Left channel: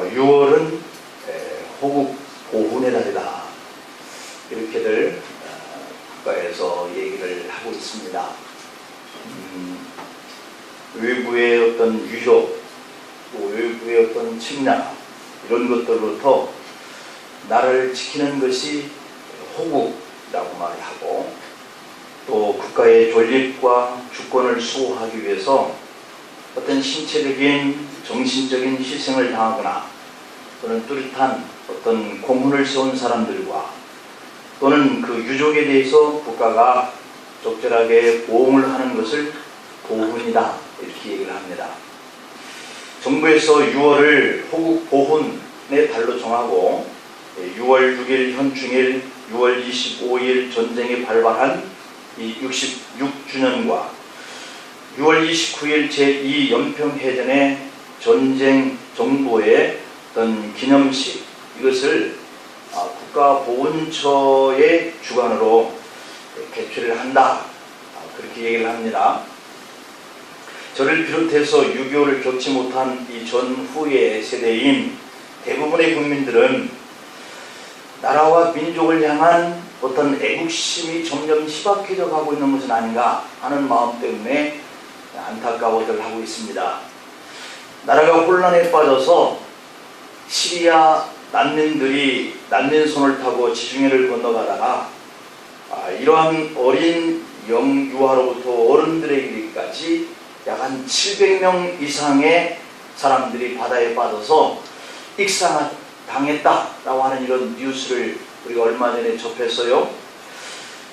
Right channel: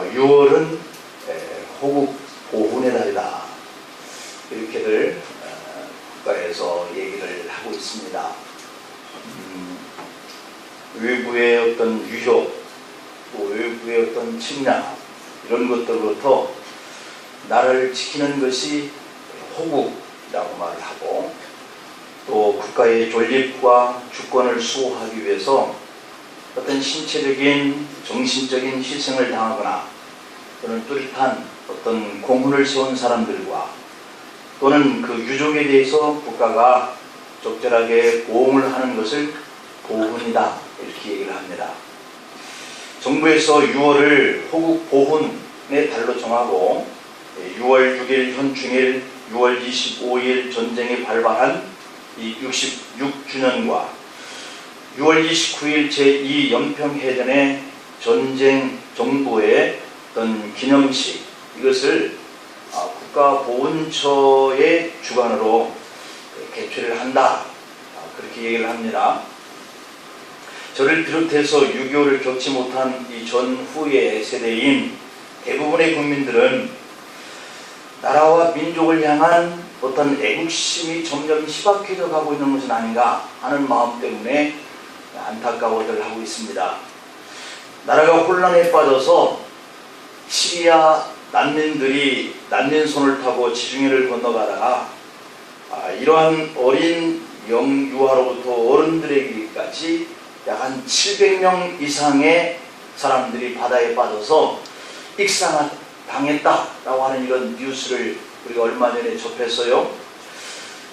6월은 호국 보훈의 달이다. 이렇게들 국가에서 얘기를 하고 있습니다. 외부의 어떤 위협, 또 외부의 어떤 침략, 이런 것들로부터 나라를 지키는 것이 호국이라고 말을 하고, 또 국가의 존립과 주권을 수호하기 위해서 어떤 신체적인 정신적인 희생을 당하거나 또는 뚜렷한 어떤 공훈을 세운 사람들과 또는 그 유족에 대해서 국가가 적절하게 보험을 하는 것을 보훈이다, 이렇게 얘기를 합니다. 정부에서 6월을 호국 보훈의 달로 정하고 6월 6일 현충일, 6월 25일 전쟁이 발발한 이 66주년과 6월 29일 제2 연평해전의 전쟁 정부의 어떤 기념식, 이것을 국가보훈처의 주관으로 개최를 한다, 그렇게 얘기를 합니다. 저를 비롯해서 6.25를 겪지 못한 이 전후의 세대인 대부분의 국민들은 나라와 민족을 향한 어떤 애국심이 점점 희박해져 가고 있는 것은 아닌가 하는 마음 때문에 안타까워들 하고 있습니다. 나라가 혼란에 빠져서 시리아 난민들이 난민선을 타고 지중해를 건너가다가 이러한 어린 영유아로부터 어른들에게까지 약 한 700명 이상의 사람들이 바다에 빠져서 익사당했다라고 하는 이런 뉴스를 우리가 얼마 전에 접했어요.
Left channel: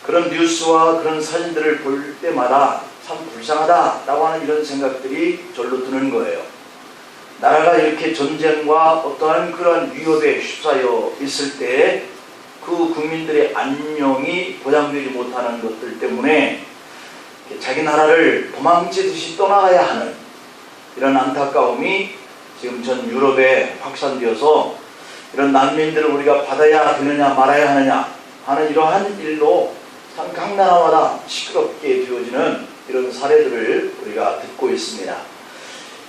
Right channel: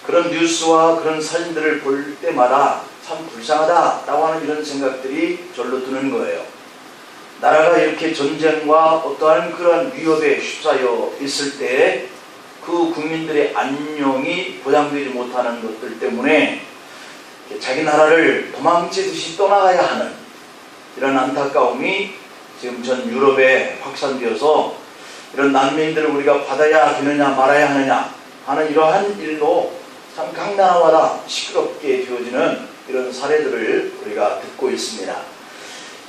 그런 뉴스와 그런 사진들을 볼 때마다 참 불쌍하다라고 하는 이런 생각들이 절로 드는 거예요. 나라가 이렇게 전쟁과 어떠한 그런 위협에 휩싸여 있을 때 그 국민들의 안녕이 보장되지 못하는 것들 때문에 자기 나라를 도망치듯이 떠나가야 하는 이런 안타까움이 지금 전 유럽에 확산되어서 이런 난민들을 우리가 받아야 되느냐 말아야 하느냐 하는 이러한 일로 참 각 나라마다 시끄럽게 되어지는 이런 사례들을 우리가 듣고 있습니다.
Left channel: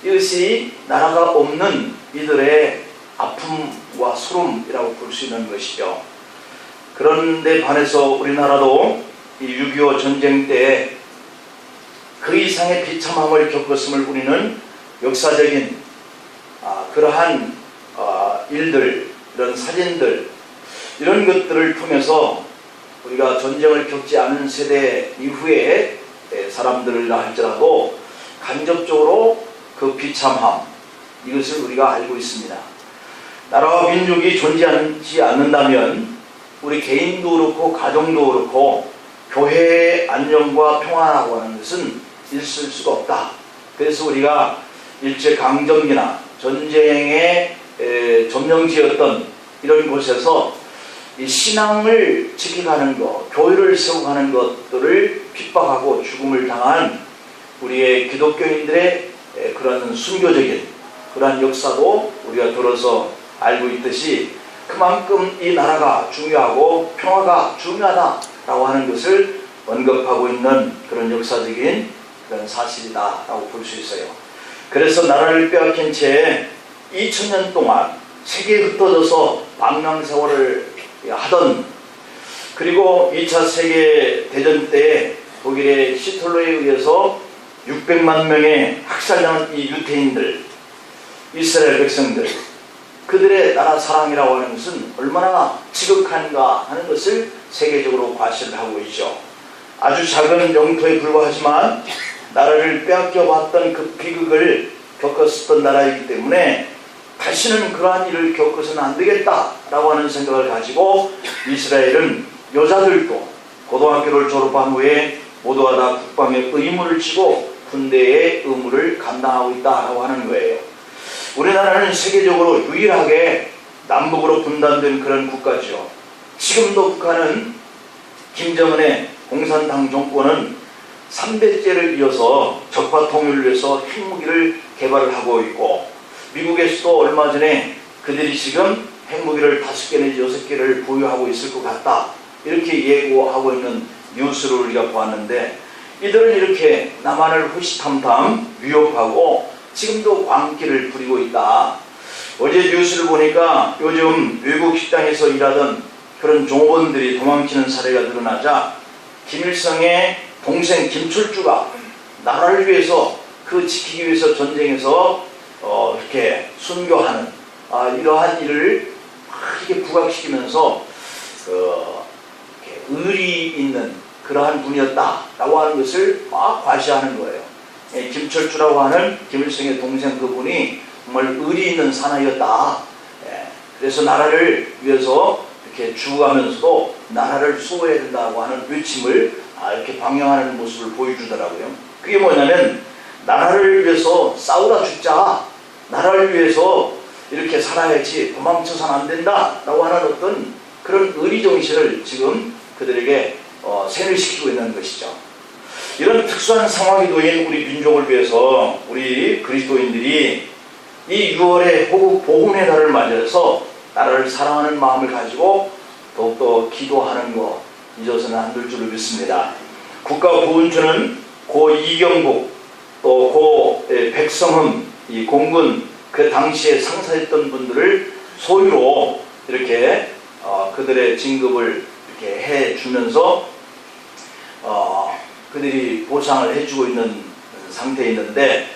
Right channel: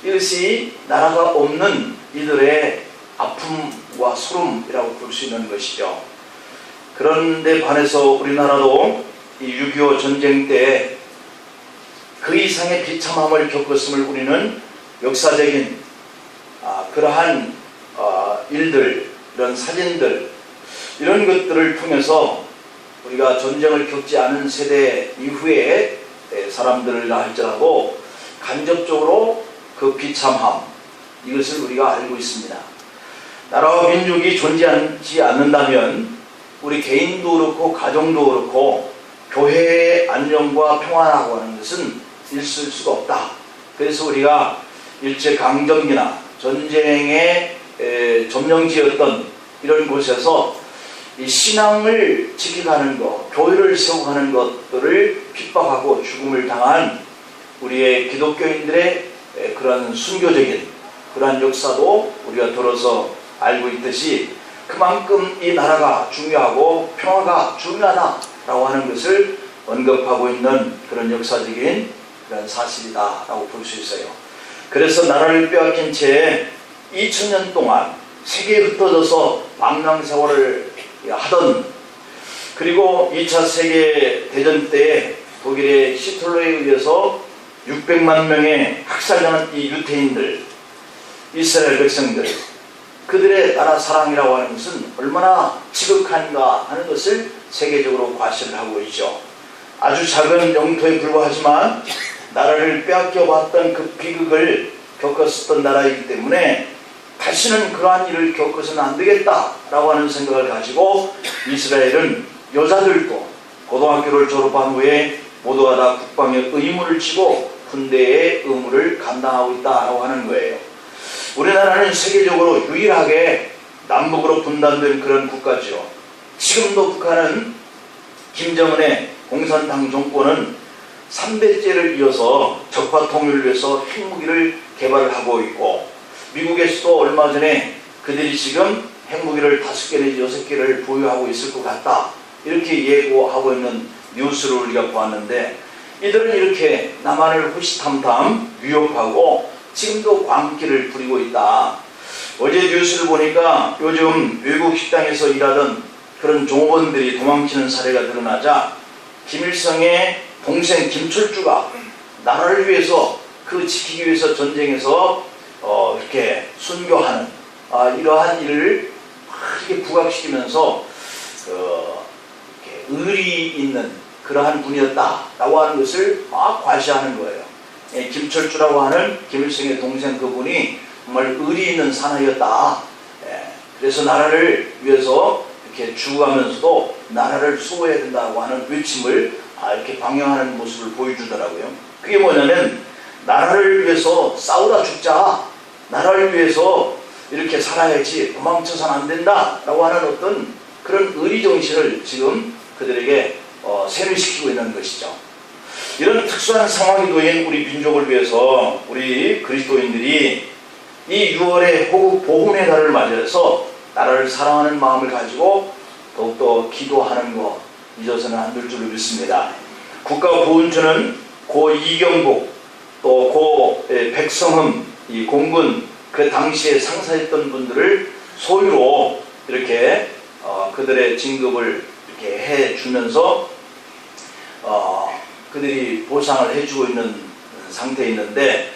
이것이 나라가 없는 이들의 아픔과 소름이라고 볼 수 있는 것이죠. 그런데 반해서 우리나라도 이 6.25 전쟁 때 그 이상의 비참함을 겪었음을 우리는 역사적인 그러한 일들, 이런 사진들, 이런 것들을 통해서 우리가 전쟁을 겪지 않은 세대 이후에 사람들을 할지라도 간접적으로 그 비참함, 이것을 우리가 알고 있습니다. 나라와 민족이 존재하지 않는다면 우리 개인도 그렇고 가정도 그렇고 교회의 안녕과 평안하고 하는 것은 있을 수가 없다. 그래서 우리가 일제강점기나 전쟁의 점령지였던 이런 곳에서 이 신앙을 지켜가는 것, 교회를 세워가는 것들을 핍박하고 죽음을 당한 우리의 기독교인들의 그런 순교적인 그러한 역사도 우리가 들어서 알고 있듯이 그만큼 이 나라가 중요하고 평화가 중요하다라고 하는 것을 언급하고 있는 그런 역사적인 그런 사실이다라고 볼 수 있어요. 그래서 나라를 빼앗긴 채 2000년 동안 세계에 흩어져서 망명세월을 하던, 그리고 2차 세계대전 때 독일의 히틀러에 의해서 600만 명의 학살당한 이 유태인들, 이스라엘 백성들, 그들의 나라 사랑이라고 하는 것은 얼마나 지극한가 하는 것을 세계적으로 과시를 하고 있죠. 아주 작은 영토에 불과하지만 나라를 빼앗겨봤던 그 비극을 겪었었던 나라이기 때문에 다시는 그러한 일을 겪어서는 안 되겠다라고 하는 생각을 가지고 이스라엘은 여자들도 고등학교를 졸업한 후에 모두가 다 국방의 의무를 지고 군대의 의무를 감당하고 있다고 하는 거예요. 우리나라는 세계적으로 유일하게 남북으로 분단된 그런 국가죠. 지금도 북한은 김정은의 공산당 정권은 3대째를 이어서 적화 통일을 위해서 핵무기를 개발을 하고 있고, 미국에서도 얼마 전에 그들이 지금 핵무기를 5개 내지 6개를 보유하고 있을 것 같다, 이렇게 예고하고 있는 뉴스를 우리가 보았는데, 이들은 이렇게 남한을 호시탐탐 위협하고 지금도 광기를 부리고 있다. 어제 뉴스를 보니까 요즘 외국 식당에서 일하던 그런 종업원들이 도망치는 사례가 드러나자 김일성의 동생 김철주가 나라를 위해서 그 지키기 위해서 전쟁에서 이렇게 순교하는 이러한 일을 이렇게 부각시키면서 이렇게 의리 있는 그러한 분이었다라고 하는 것을 막 과시하는 거예요. 김철주라고 하는 김일성의 동생 그분이 정말 의리 있는 사나이였다. 그래서 나라를 위해서 이렇게 죽어가면서도 나라를 수호해야 된다고 하는 외침을 이렇게 방영하는 모습을 보여주더라고요. 그게 뭐냐면 나라를 위해서 싸우다 죽자, 나라를 위해서 이렇게 살아야지, 도망쳐서는 안 된다 라고 하는 어떤 그런 의리정신을 지금 그들에게 세뇌시키고 있는 것이죠. 이런 특수한 상황이 놓인 우리 민족을 위해서 우리 그리스도인들이 이 6월의 복음의 달을 맞이해서 나라를 사랑하는 마음을 가지고 더욱더 기도하는 것 잊어서는 안 될 줄로 믿습니다. 국가보훈처는 고 이경복 또 고 백성흠 이 공군 그 당시에 상사했던 분들을 소유로 이렇게 그들의 진급을 이렇게 해주면서 그들이 보상을 해주고 있는 상태에 있는데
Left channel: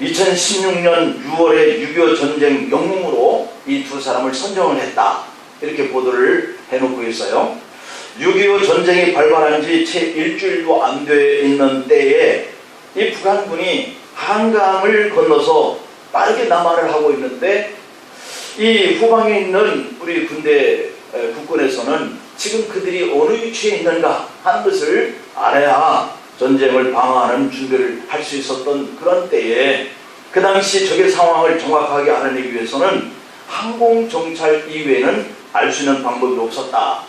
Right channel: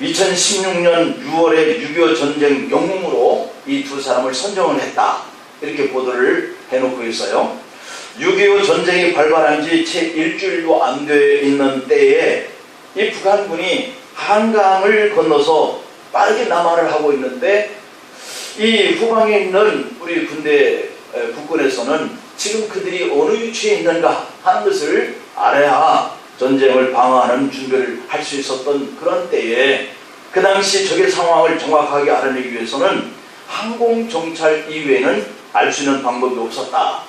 2016년 6월에 6.25 전쟁 영웅으로 이 두 사람을 선정을 했다. 이렇게 보도를 해놓고 있어요. 6.25 전쟁이 발발한 지 채 일주일도 안 돼 있는 때에 이 북한군이 한강을 건너서 빠르게 남하를 하고 있는데 이 후방에 있는 우리 군대 국군에서는 지금 그들이 어느 위치에 있는가 하는 것을 알아야 전쟁을 방어하는 준비를 할 수 있었던 그런 때에 그 당시 적의 상황을 정확하게 알아내기 위해서는 항공정찰 이외에는 알 수 있는 방법이 없었다.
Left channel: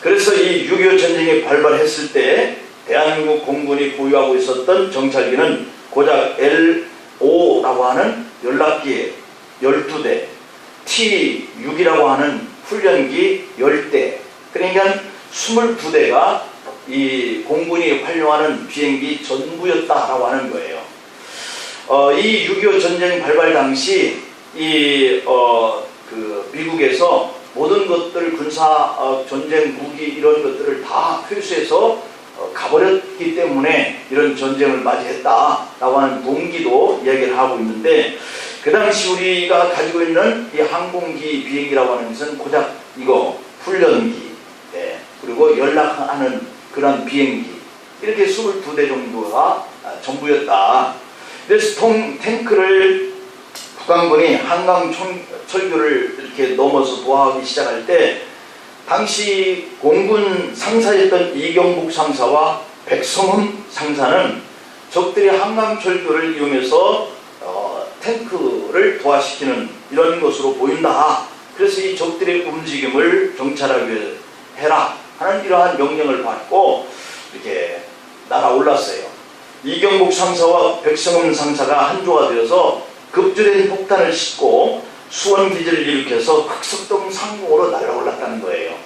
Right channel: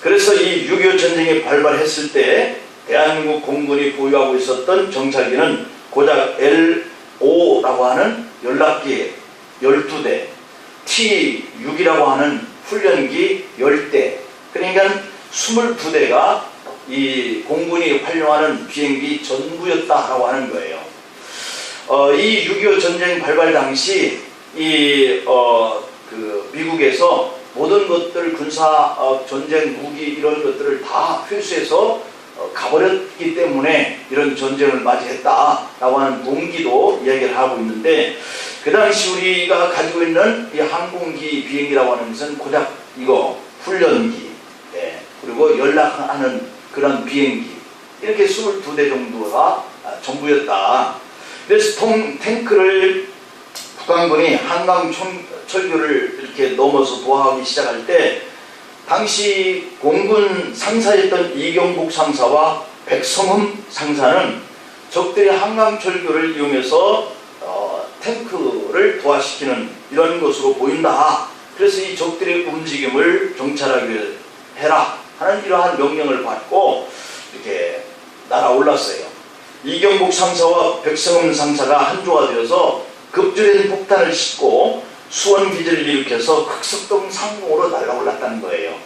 그래서 이 6.25 전쟁이 발발했을 때 대한민국 공군이 보유하고 있었던 정찰기는 고작 L5라고 하는 연락기 12대, T6이라고 하는 훈련기 10대, 그러니까 22대가 이 공군이 활용하는 비행기 전부였다라고 하는 거예요. 이 6.25 전쟁 발발 당시 그 미국에서 모든 것들 군사 전쟁 무기 이런 것들을 다 회수해서 가버렸기 때문에 이런 전쟁을 맞이했다라고 하는 동기도 이야기를 하고 있는데 그 당시 우리가 가지고 있는 이 항공기 비행기라고 하는 것은 고작 이거 훈련기 그리고 연락하는 그런 비행기 이렇게 22대 정도가 전부였다. 그래서 탱크를 북한군이 한강 철교를 이렇게 넘어서 도하기 시작할 때 당시 공군 상사였던 이경복 상사와 백성흠 상사는 적들이 한강 철교를 이용해서 탱크를 도하시키는 이런 것으로 보인다. 그래서 이 적들의 움직임을 정찰하기 해라 하는 이러한 명령을 받고 이렇게 날아올랐어요. 이경복 상사와 백성흠 상사가 한조가 되어서 급조된 폭탄을 싣고 수원기지를 일으켜서 흑석동 상공으로 날아올랐다는 거예요.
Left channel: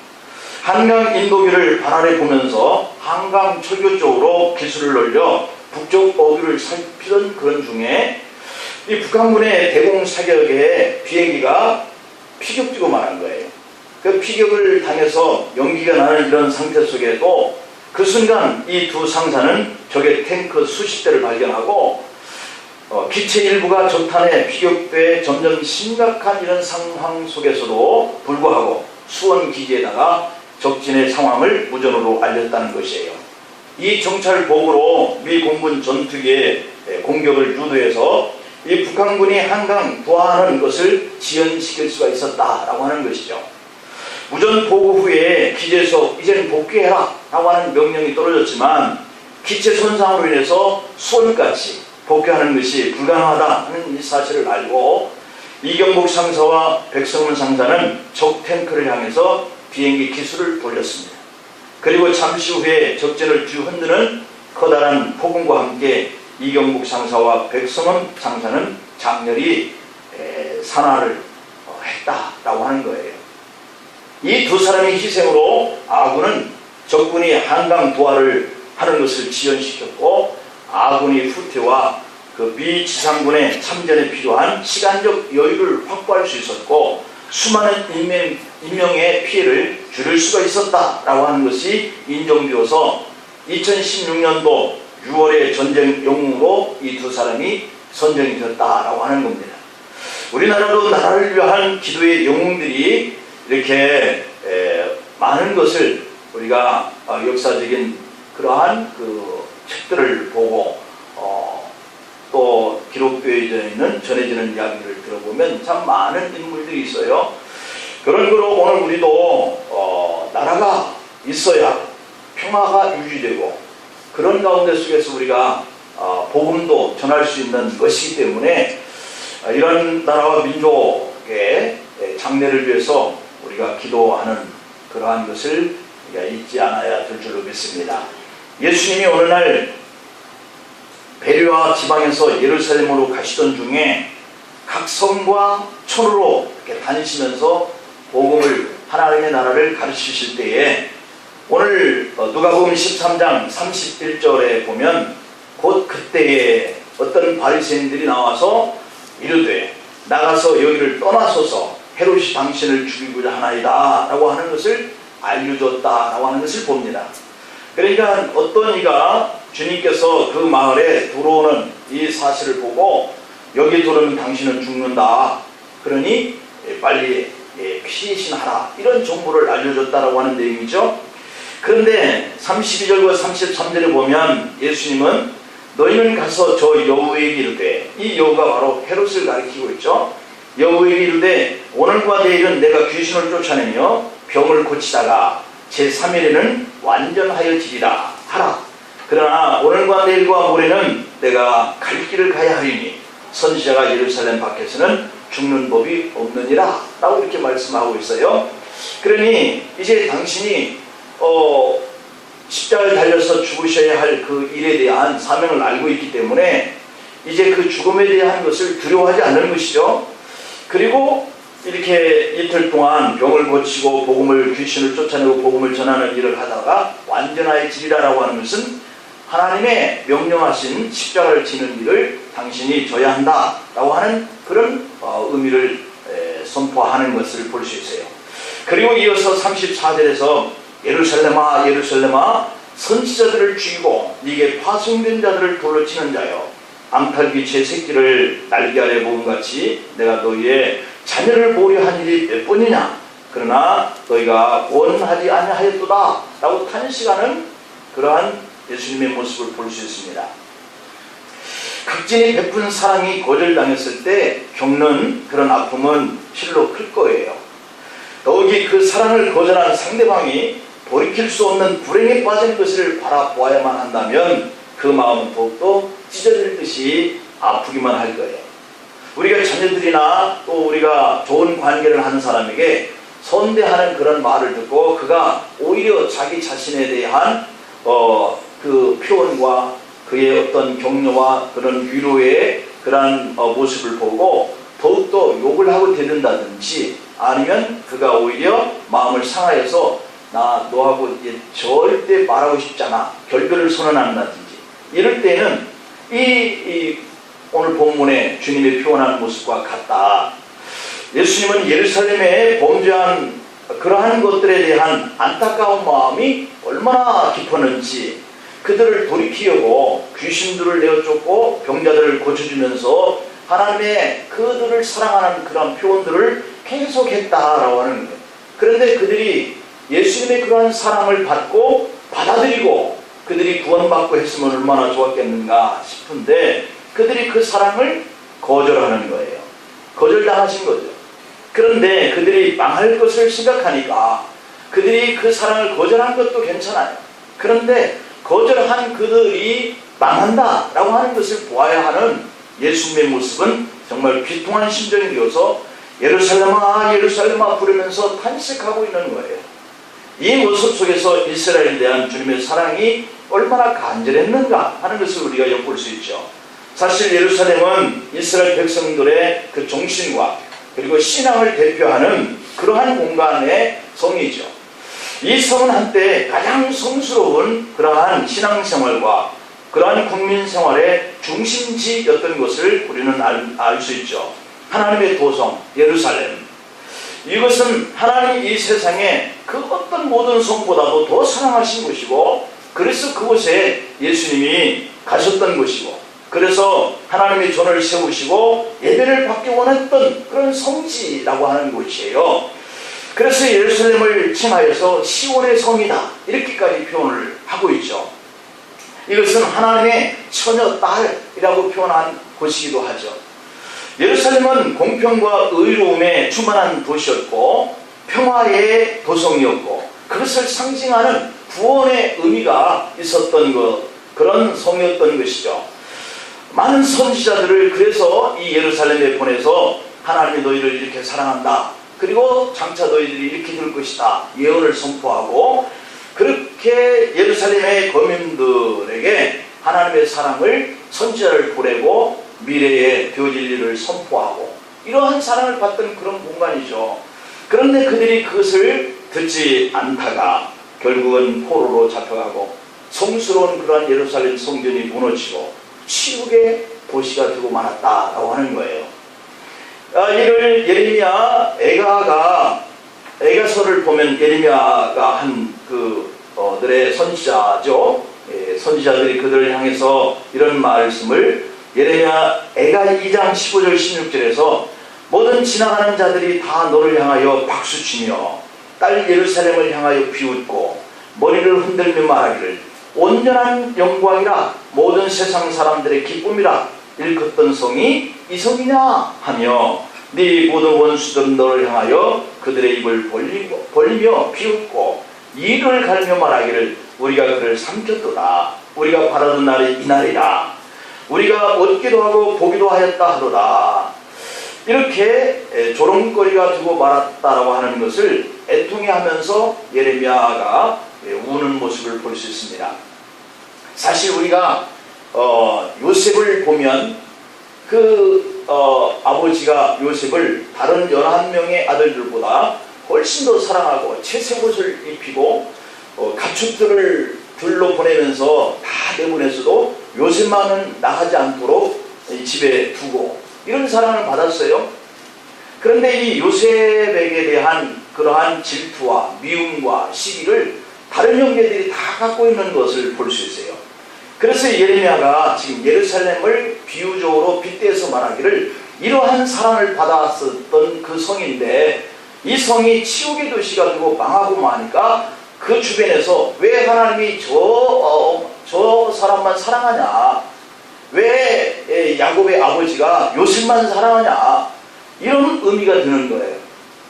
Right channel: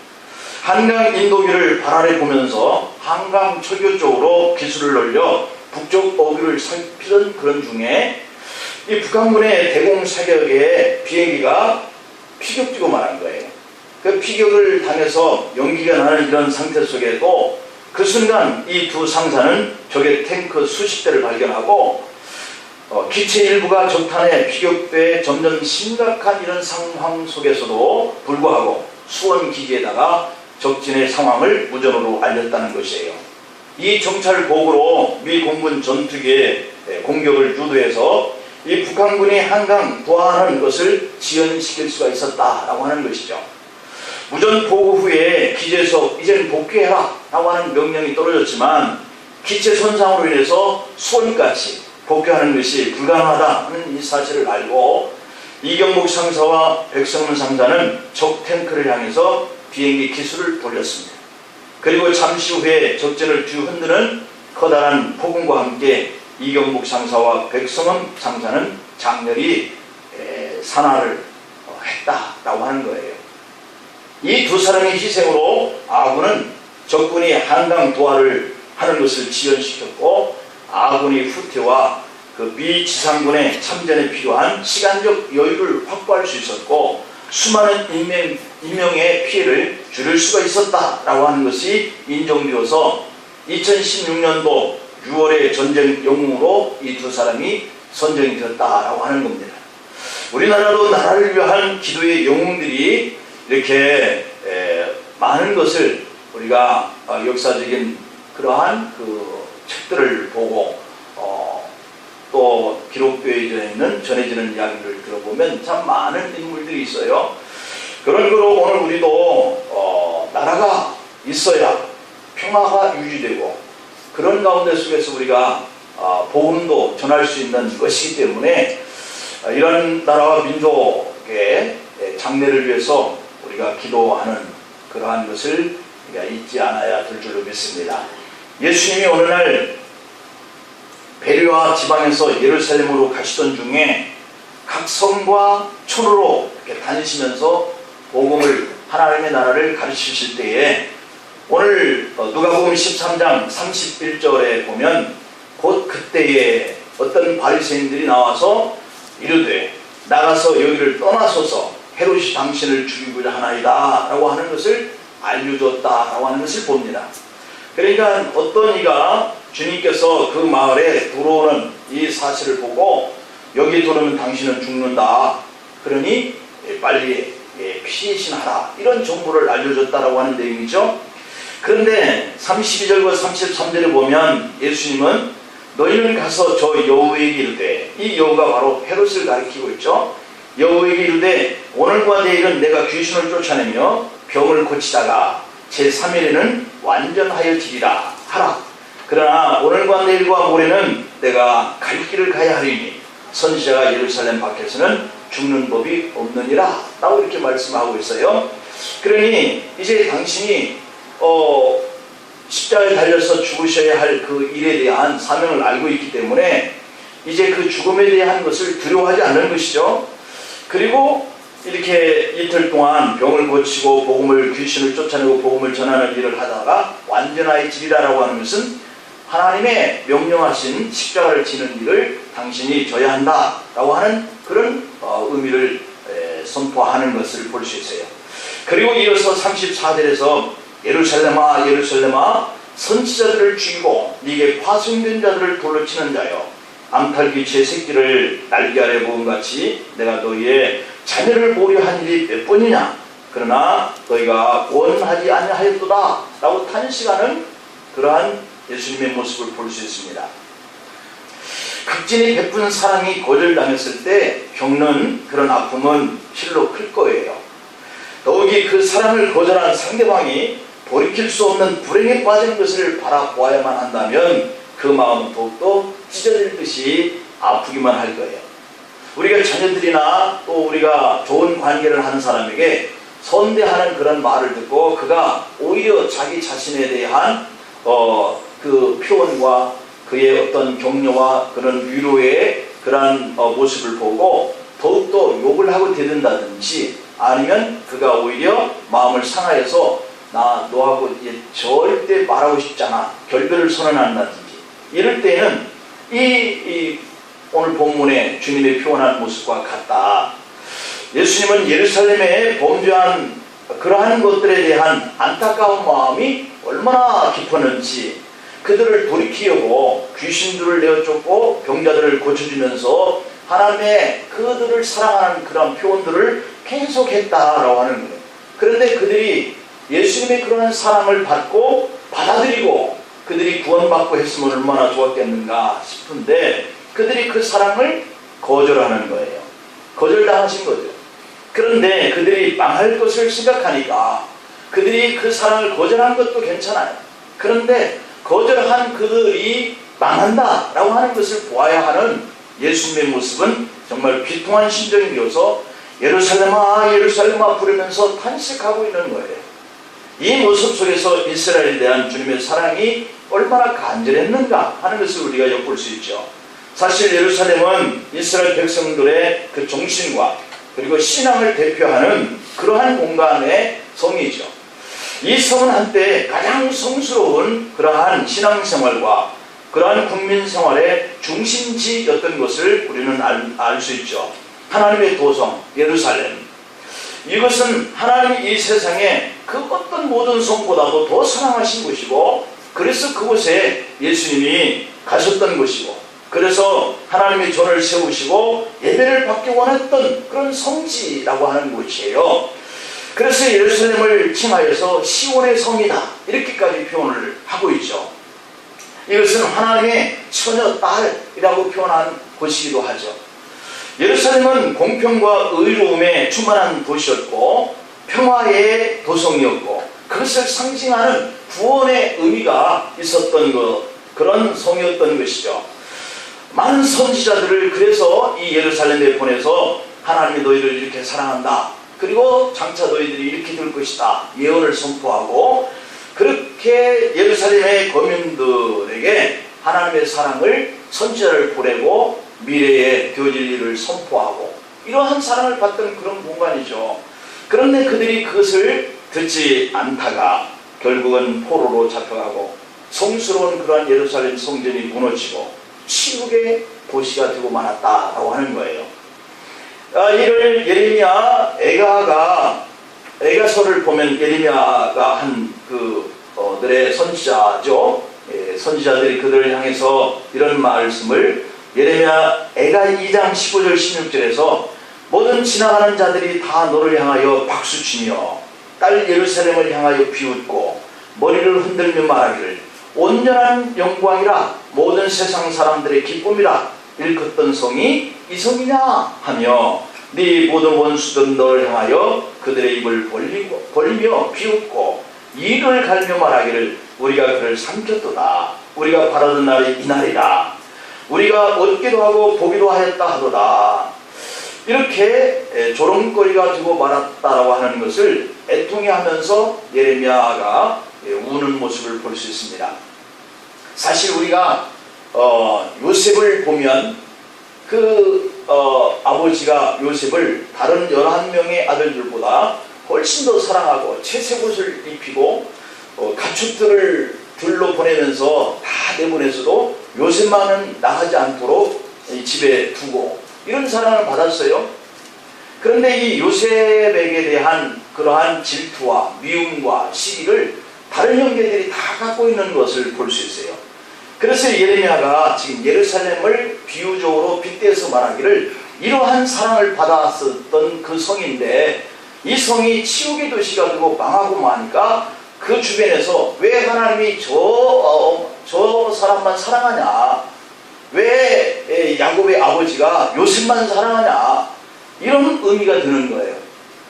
한강 인도기를 발 아래 보면서 한강 철교 쪽으로 기술을 올려 북쪽 어귀를 살피던 그런 중에 이 북한군의 대공 사격에 비행기가 피격지고 말한 거예요. 그 피격을 당해서 연기가 나는 이런 상태 속에도 그 순간 이 두 상사는 적의 탱크 수십 대를 발견하고 기체 일부가 적탄에 피격돼 점점 심각한 이런 상황 속에서도 불구하고 수원 기지에다가 적진의 상황을 무전으로 알렸다는 것이에요. 이 정찰 보고로 미 공군 전투기의 공격을 유도해서 이 북한군이 한강 도하하는 것을 지연시킬 수가 있었다라고 하는 것이죠. 무전 보고 후에 기지에서 이제는 복귀해라 라고 하는 명령이 떨어졌지만 기체 손상으로 인해서 수원까지 복귀하는 것이 불가능하다는 이 사실을 알고 이경복 상사와 백성훈 상사는 적 탱크를 향해서 비행기 기술을 돌렸습니다. 그리고 잠시 후에 적진을 뒤흔드는 커다란 폭음과 함께 이경복 상사와 백성훈 상사는 장렬히 산화를 했다라고 하는 거예요. 이 두 사람의 희생으로 아군은 적군이 한강 도하를 하는 것을 지연시켰고 아군이 후퇴와 그 비지상군의 참전에 필요한 시간적 여유를 확보할 수 있었고 수많은 인명의 피해를 줄일 수가 있었다라고 하는 것이 인정되어서 2016년도 6월에 전쟁 영웅으로 이 두 사람이 선정이 되었다라고 하는 겁니다. 우리나라도 나라를 위한 기도의 영웅들이 이렇게 많은 것을 우리가 역사적인 그러한 그 책들을 보고 또 기록되어 있는 전해지는 이야기를 들어보면 참 많은 인물들이 있어요. 그런 거로 오늘 우리도 나라가 있어야 평화가 유지되고 그런 가운데 속에서 우리가 복음도 전할 수 있는 것이기 때문에 이런 나라와 민족의 장래를 위해서 우리가 기도하는 그러한 것을 우리가 잊지 않아야 될 줄로 믿습니다. 예수님이 어느 날 베리와 지방에서 예루살렘으로 가시던 중에 각 성과 촌으로 이렇게 다니시면서 복음을 하나님의 나라를 가르치실 때에 오늘 누가복음 13장 31절에 보면 곧 그때에 어떤 바리새인들이 나와서 이르되 나가서 여기를 떠나소서 헤롯이 당신을 죽이고자 하나이다 라고 하는 것을 알려줬다라고 하는 것을 봅니다. 그러니까 어떤 이가 주님께서 그 마을에 들어오는 이 사실을 보고 여기 들어오면 당신은 죽는다 그러니 빨리 피신하라 이런 정보를 알려줬다라고 하는 내용이죠. 그런데 32절과 33절에 보면 예수님은 너희는 가서 저 여우에게 이르되 이 여우가 바로 헤롯을 가리키고 있죠. 여우에게 이르되 오늘과 내일은 내가 귀신을 쫓아내며 병을 고치다가 제3일에는 완전하여지리라 하라. 그러나 오늘과 내일과 모레는 내가 갈 길을 가야 하리니 선지자가 예루살렘 밖에서는 죽는 법이 없느니라 라고 이렇게 말씀하고 있어요. 그러니 이제 당신이 십자가에 달려서 죽으셔야 할 그 일에 대한 사명을 알고 있기 때문에 이제 그 죽음에 대한 것을 두려워하지 않는 것이죠. 그리고 이렇게 이틀 동안 병을 고치고 복음을 귀신을 쫓아내고 복음을 전하는 일을 하다가 완전하여지리라라고 하는 것은 하나님의 명령하신 십자가를 지는 일을 당신이 져야 한다라고 하는 그런 의미를 선포하는 것을 볼 수 있어요. 그리고 이어서 34절에서 예루살렘아 예루살렘아 선지자들을 죽이고 네게 파송된 자들을 돌로 치는 자여 앙탈귀 제 새끼를 날개 아래 모음같이 내가 너희의 자녀를 보려 한 일이 몇 번이냐 그러나 너희가 원하지 아니하였도다 라고 탄식하는 그러한 예수님의 모습을 볼 수 있습니다. 극진히 베푼 사랑이 거절당했을 때 겪는 그런 아픔은 실로 클 거예요. 더욱이 그 사랑을 거절한 상대방이 돌이킬 수 없는 불행에 빠진 것을 바라보아야만 한다면 그 마음은 더욱더 찢어질 듯이 아프기만 할 거예요. 우리가 자녀들이나 또 우리가 좋은 관계를 하는 사람에게 선대하는 그런 말을 듣고 그가 오히려 자기 자신에 대한 그 표현과 그의 어떤 격려와 그런 위로의 그러한 모습을 보고 더욱더 욕을 하고 대든다든지 아니면 그가 오히려 마음을 상하여서 나 너하고 절대 말하고 싶잖아 결별을 선언한다든지 이럴 때는 이 오늘 본문에 주님의 표현한 모습과 같다. 예수님은 예루살렘에 범죄한 그러한 것들에 대한 안타까운 마음이 얼마나 깊었는지 그들을 돌이키려고 귀신들을 내어쫓고 병자들을 고쳐주면서 하나님의 그들을 사랑하는 그런 표현들을 계속했다라고 하는 거예요. 그런데 그들이 예수님의 그러한 사랑을 받고 받아들이고 그들이 구원받고 했으면 얼마나 좋았겠는가 싶은데 그들이 그 사랑을 거절하는 거예요. 거절당하신 거죠. 그런데 그들이 망할 것을 생각하니까 그들이 그 사랑을 거절한 것도 괜찮아요. 그런데 거절한 그들이 망한다라고 하는 것을 보아야 하는 예수님의 모습은 정말 비통한 심정이 되어서 예루살렘아 예루살렘아 부르면서 탄식하고 있는 거예요. 이 모습 속에서 이스라엘에 대한 주님의 사랑이 얼마나 간절했는가 하는 것을 우리가 엿볼 수 있죠. 사실 예루살렘은 이스라엘 백성들의 그 정신과 그리고 신앙을 대표하는 그러한 공간의 성이죠. 이 성은 한때 가장 성스러운 그러한 신앙생활과 그러한 국민 생활의 중심지였던 것을 우리는 알 수 있죠. 하나님의 도성 예루살렘, 이것은 하나님이 이 세상에 그 어떤 모든 성보다도 더 사랑하신 곳이고, 그래서 그곳에 예수님이 가셨던 곳이고, 그래서 하나님의 전을 세우시고 예배를 받기 원했던 그런 성지라고 하는 곳이에요. 그래서 예루살렘을 칭하여서 시온의 성이다 이렇게까지 표현을 하고 있죠. 이것은 하나님의 처녀 딸이라고 표현한 곳이기도 하죠. 예루살렘은 공평과 의로움에 충만한 도시였고 평화의 도성이었고, 그것을 상징하는 구원의 의미가 있었던 그런 성이었던 것이죠. 많은 선지자들을 그래서 이 예루살렘에 보내서 하나님이 너희를 이렇게 사랑한다, 그리고 장차 너희들이 이렇게 될 것이다 예언을 선포하고, 그렇게 예루살렘의 거민들에게 하나님의 사랑을, 선지자를 보내고 미래에 되어질 일을 선포하고, 이러한 사랑을 받던 그런 공간이죠. 그런데 그들이 그것을 듣지 않다가 결국은 포로로 잡혀가고 성스러운 그러한 예루살렘 성전이 무너지고 치욕의 도시가 되고 말았다라고 하는 거예요. 이를 예레미야 애가서를 보면, 예레미야가 한 그들의 선지자죠. 선지자들이 그들을 향해서 이런 말씀을, 예레미야 애가 2장 15절 16절에서 모든 지나가는 자들이 다 너를 향하여 박수치며 딸 예루살렘을 향하여 비웃고 머리를 흔들며 말하기를 온전한 영광이라 모든 세상 사람들의 기쁨이라 일컫던 성이 이 성이냐 하며, 네 모든 원수들은 너를 향하여 그들의 입을 벌리며 비웃고 이를 가르며 말하기를 우리가 그를 삼켰도다. 우리가 바라던 날이 이날이라. 우리가 얻기도 하고 보기도 하였다 하도다. 이렇게 조롱거리가 되고 말았다라고 하는 것을 애통해하면서 예레미야가 우는 모습을 볼 수 있습니다. 사실 우리가 요셉을 보면 아버지가 요셉을 다른 11명의 아들들보다 훨씬 더 사랑하고 채색옷을 입히고 가축들을 들로 보내면서 다 내보내서도 요셉만은 나가지 않도록 집에 두고 이런 사랑을 받았어요. 그런데 이 요셉에게 대한 그러한 질투와 미움과 시기를 다른 형제들이 다 갖고 있는 것을 볼 수 있어요. 그래서 예레미야가 지금 예루살렘을 비유적으로 빗대서 말하기를 이러한 사랑을 받았었던 그 성인데 이 성이 치욕의 도시가 되고 망하고 마니까 그 주변에서 왜 하나님이 저 사람만 사랑하냐, 왜 야곱의 아버지가 요셉만 사랑하냐, 이런 의미가 드는 거예요.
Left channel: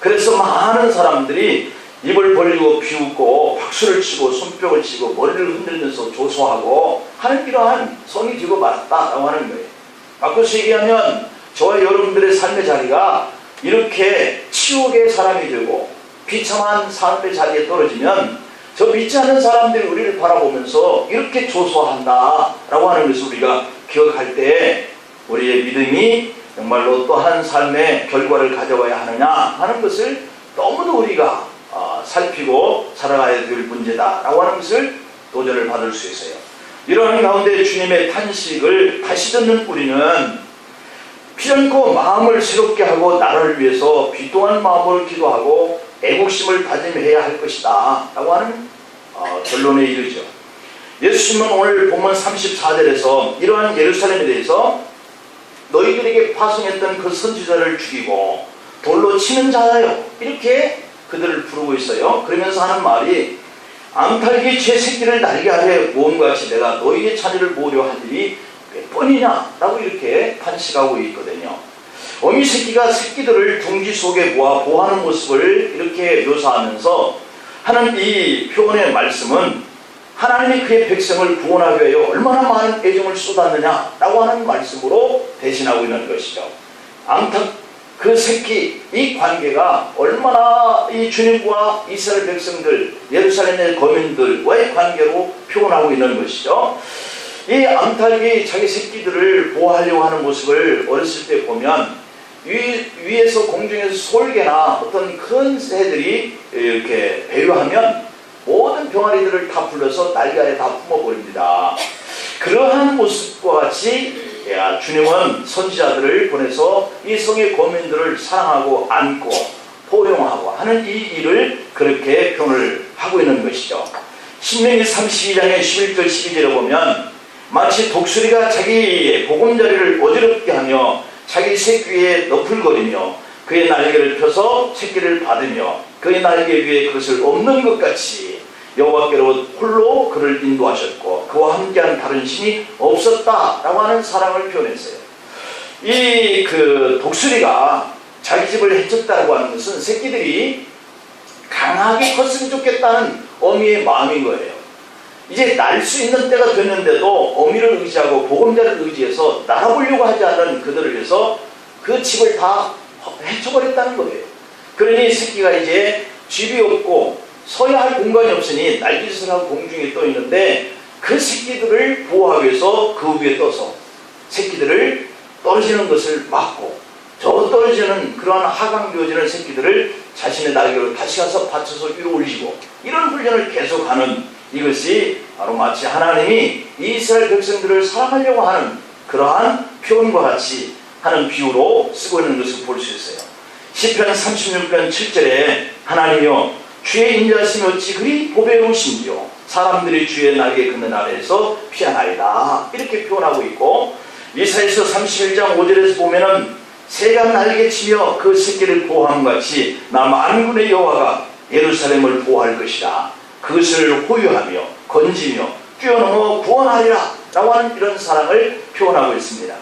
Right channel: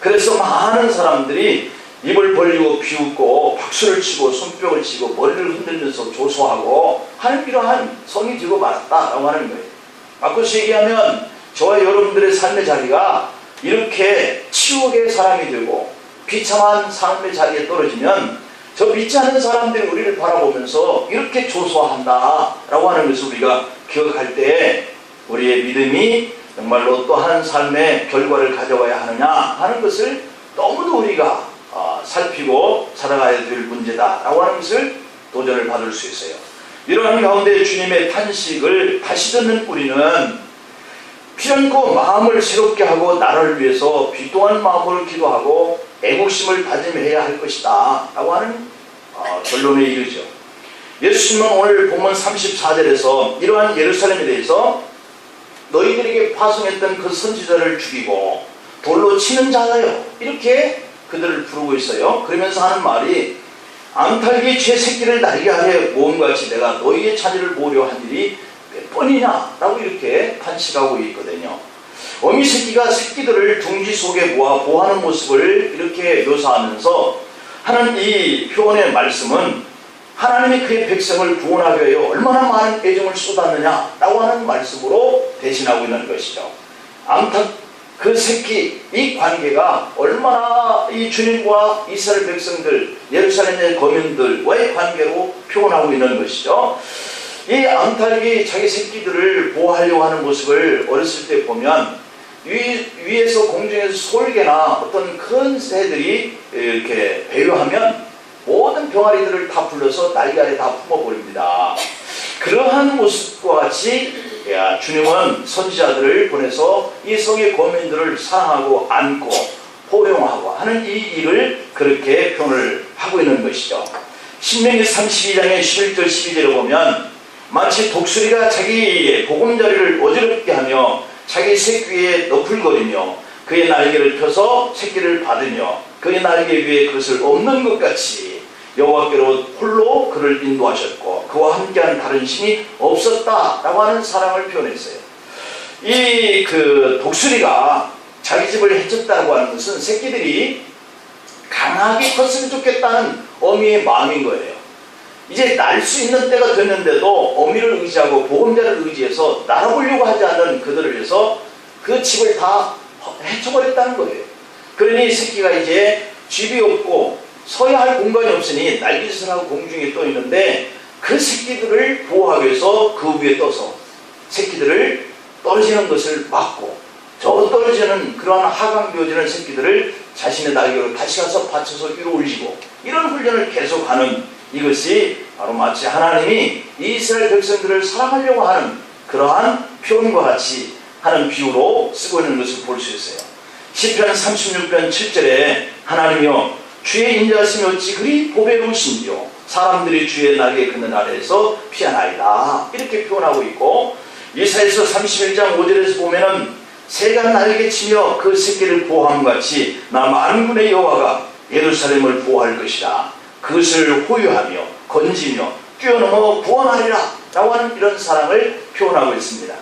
그래서 많은 사람들이 입을 벌리고 비웃고 박수를 치고 손뼉을 치고 머리를 흔들면서 조소하고 하는 이러한 성이 되고 말았다라고 하는 거예요. 바꿔서 얘기하면 저와 여러분들의 삶의 자리가 이렇게 치욕의 사람이 되고 비참한 삶의 자리에 떨어지면 저 믿지 않는 사람들이 우리를 바라보면서 이렇게 조소한다라고 하는 것을 우리가 기억할 때 우리의 믿음이 정말로 또한 삶의 결과를 가져와야 하느냐 하는 것을 너무도 우리가 살피고 살아가야 될 문제다라고 하는 것을 도전을 받을 수 있어요. 이러한 가운데 주님의 탄식을 다시 듣는 우리는 피않고 마음을 새롭게 하고 나를 위해서 비통한 마음으로 기도하고 애국심을 다짐해야 할 것이다 라고 하는 결론에 이르죠. 예수님은 오늘 본문 34절에서 이러한 예루살렘에 대해서 너희들에게 파송했던 그 선지자를 죽이고 돌로 치는 자다요 이렇게 그들을 부르고 있어요. 그러면서 하는 말이 암탉이 제 새끼를 날게 하려 모험같이 내가 너희의 자녀를 모으려 한 일이 몇 번이냐 라고 이렇게 탄식하고 있거든요. 어미 새끼가 새끼들을 둥지 속에 모아 보호하는 모습을 이렇게 묘사하면서 하는 이 표현의 말씀은 하나님이 그의 백성을 구원하기 위하여 얼마나 많은 애정을 쏟았느냐 라고 하는 말씀으로 대신하고 있는 것이죠. 암탉 그 새끼 이 관계가 얼마나 이 주님과 이스라엘 백성들 예루살렘의 거민들과의 관계로 표현하고 있는 것이죠. 이 암탉이 자기 새끼들을 보호하려고 하는 모습을 어렸을 때 보면 위에서 공중에서 솔개나 어떤 큰 새들이 이렇게 배회하면 모든 병아리들을 다 불러서 날개 아래 다 품어버립니다. 그러한 모습과 같이 주님은 선지자들을 보내서 이 성의 거민들을 사랑하고 안고 포용하고 하는 이 일을 그렇게 표현을 하고 있는 것이죠. 신명기 32장의 11절 12절에 보면 마치 독수리가 자기의 보금자리를 어지럽게 하며 자기 새끼에 너풀거리며 그의 날개를 펴서 새끼를 받으며 그의 날개 위에 그것을 엎는 것 같이 여호와께로 홀로 그를 인도하셨고 그와 함께한 다른 신이 없었다라고 하는 사랑을 표현했어요. 이 독수리가 자기 집을 해쳤다고 하는 것은 새끼들이 강하게 컸으면 좋겠다는 어미의 마음인 거예요. 이제 날 수 있는 때가 됐는데도 어미를 의지하고 보금자를 의지해서 날아보려고 하지 않는 그들을 위해서 그 집을 다 해쳐버렸다는 거예요. 그러니 새끼가 이제 집이 없고 서야 할 공간이 없으니 날깃을 하고 공중에 떠 있는데 그 새끼들을 보호하기 위해서 그 위에 떠서 새끼들을 떨어지는 것을 막고 저 떨어지는 그러한 하강되어지는 새끼들을 자신의 날개로 다시 가서 받쳐서 위로 올리고 이런 훈련을 계속하는 이것이 바로 마치 하나님이 이스라엘 백성들을 사랑하려고 하는 그러한 표현과 같이 하는 비유로 쓰고 있는 것을 볼 수 있어요. 시편 36편 7절에 하나님이여 주의 인자하심이 어찌 그리 보배로우신지요 사람들이 주의 날개 긋는 아래에서 피하나이다 이렇게 표현하고 있고 이사야서 31장 5절에서 보면은 새가 날개치며 그 새끼를 보호함과 같이 나 만군의 여호와가 예루살렘을 보호할 것이라 그것을 호유하며 건지며 뛰어넘어 구원하리라 라고 하는 이런 사랑을 표현하고 있습니다.